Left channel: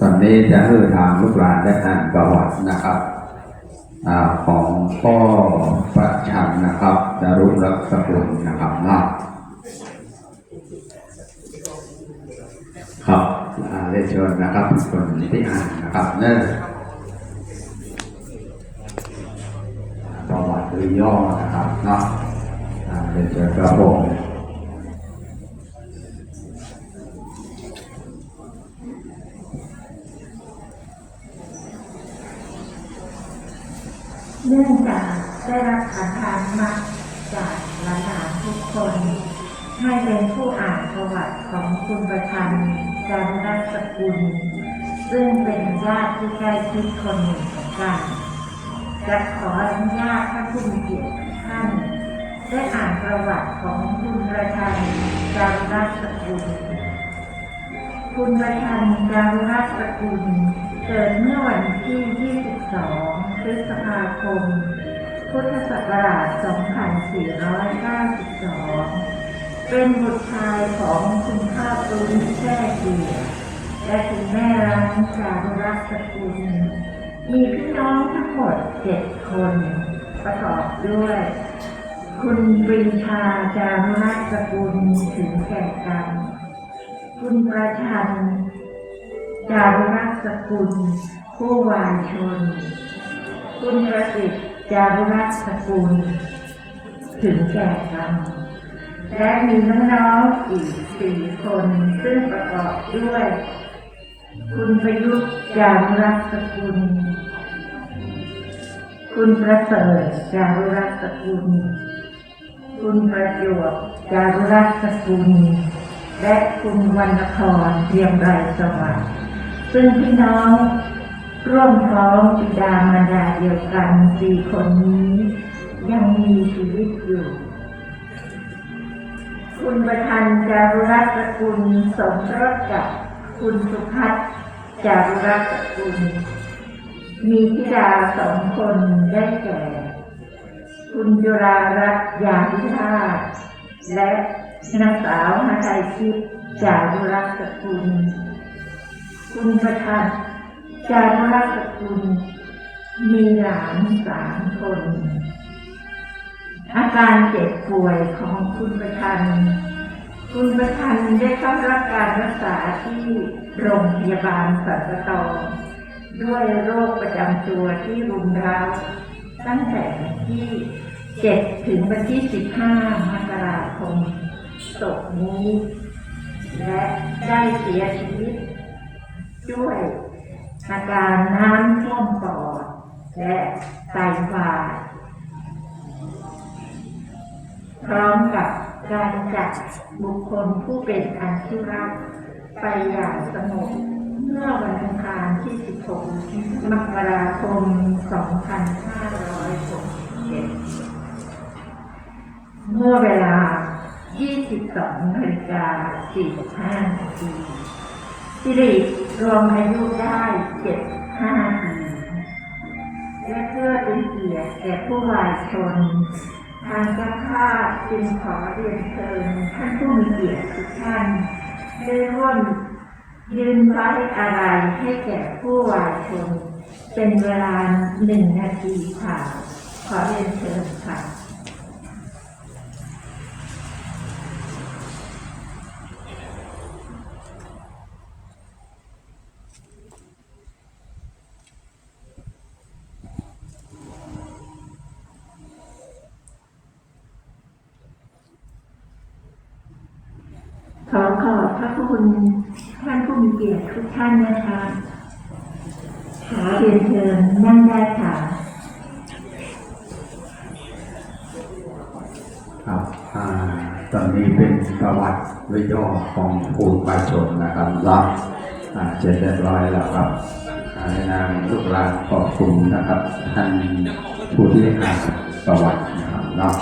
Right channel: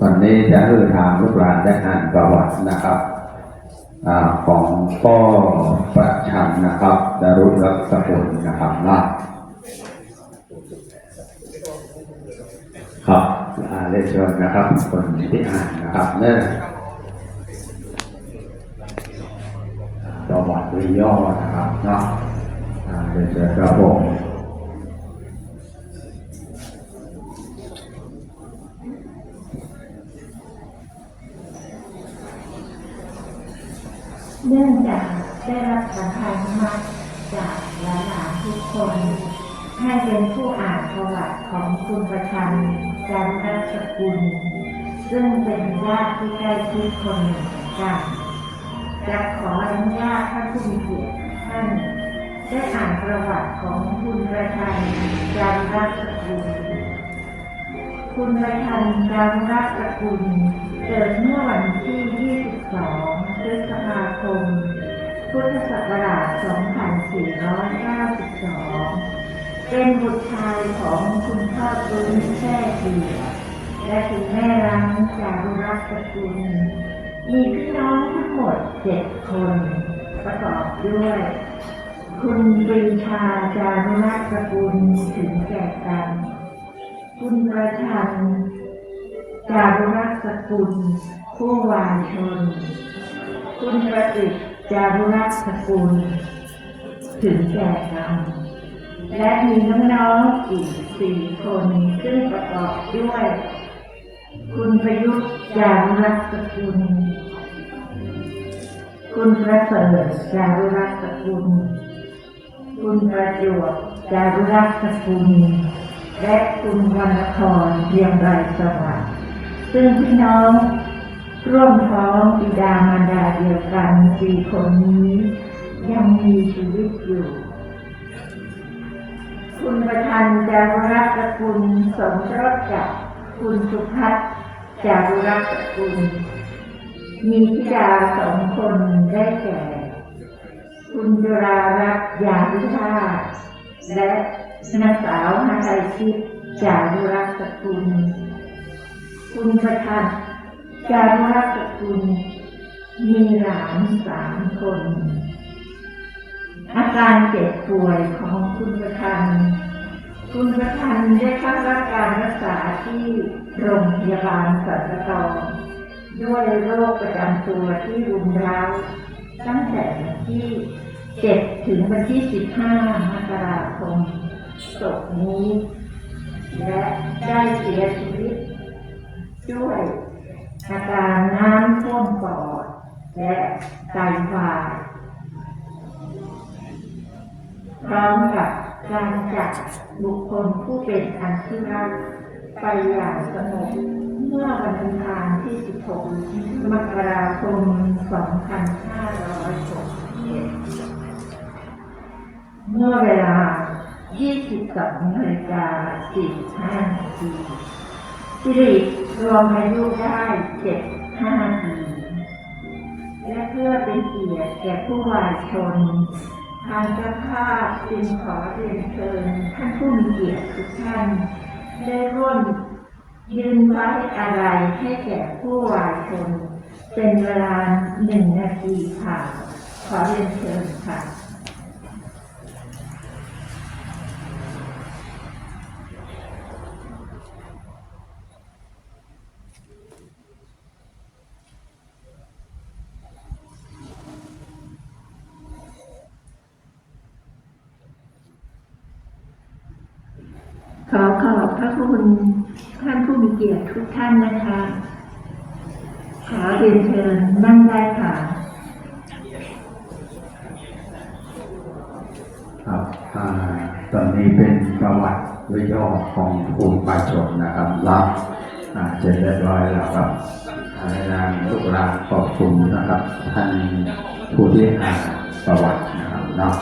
ตอนนี้จะให้ทางลูกหลานได้อ่านประวัตินะครับอของพ่อประชันนะครับจารุรักสกุลนะครับนะครับเรียนเชิญนะครับ คนที่อ่านนะครับเนอะอ่าประวัติโดยย่อนะครับนะอ่าเรียนเชิญครับผม เนื่องจากได้รับขันธานุมัติจากหลานๆทุกคน ให้เป็นผู้อ่านประวัติของคุณประชันจันทสกุล ซึ่งเป็นญาติที่ใกล้ชิดคนหนึ่งเหมือนกันจะขออนุญาตท่านผู้มีเกียรติท่านได้อ่านประวัติของคุณประชันจันทสกุล คุณประชันจารุรัตน์กุลเกิดเมื่อวันที่ 22 พฤษภาคม พุทธศักราช 2492 เป็นบุตรชายของคุณพ่อปุ้นแช่เกียรและคุณแม่รังจารุรัตน์สกุล มีพี่น้องทั้งหมดเจ็ดคน ประกอบด้วย คุณปรีชาจารุรัตน์สกุลถึงแก่กรรมคุณประชันจารุรักสกุลผู้วาชน คุณประสิทธิ์จารุรักษ์สกุล ถึงแก่กรรมและมีน้องๆอีกสี่คน ซึ่งประกอบด้วย คุณประยุทธ์จารุรักษ์สกุล คุณประเสริฐจารุรักษ์สกุล คุณประจวบจารุรักษ์สกุล และคุณวรรณพรเรียงไรสวัสดิ์ซึ่งพี่น้อง ร่วมท้องบิดามารดาเดียวกันสี่คนนี้ ยังมีชีวิตอยู่ คุณประชันจารุรัตน์สกุลสมรสกับคุณสุพัฒน์จารุรัตน์กุล มีธิดาสองคนได้แก่ คุณจุรารัตน์ยาวิทาและนางสาวหาไทยชิตจารุรักษ์กุล คุณประทัน จารุรัสกุลมีหลานสามคน อาการเจ็บป่วยของคุณประทัน คุณประทันได้เข้ารับการรักษาที่โรงพยาบาลสัตตองด้วยโรคประจำตัวที่รุมเร้า ตั้งแต่วันที่7ถึงวันที่ 15 มกราคมศพนี้ และได้เสียชีวิตด้วย อาการน้ำท่วมปอด และไตวาย พร้อมกับการจัดบุคคลผู้เป็นอันที่รักไปอย่างสงบเมื่อวันอังคารที่ 16 มกราคม 2567 เมื่อเวลา 22นาฬิกา45นาทีสิริ รวมอายุได้75ปีและเพื่อเป็นเกียรติแก่ผู้วายชน ทางเจ้าภาพจึงขอเรียนเชิญท่านผู้มีเกียรติทุกท่าน ได้ร่วมยืนไว้อะไรให้แก่ผู้วายชน เป็นเวลาหนึ่งนาทีค่ะ ขอเรียนเชิญค่ะ พระคุณท่านผู้มีเกียรติทุกท่านนะคะขอเรียนเชิญนั่งได้ค่ะครับตอนนี้เป็นประวัติวิย่อของภูมิประชนนะครับล้วอ่าเสร็จเรียบร้อยแล้วครับอ่าในนามลูกหลานขอบคุณนะครับท่านผู้ที่อ่านประวัตินะครับเนาะ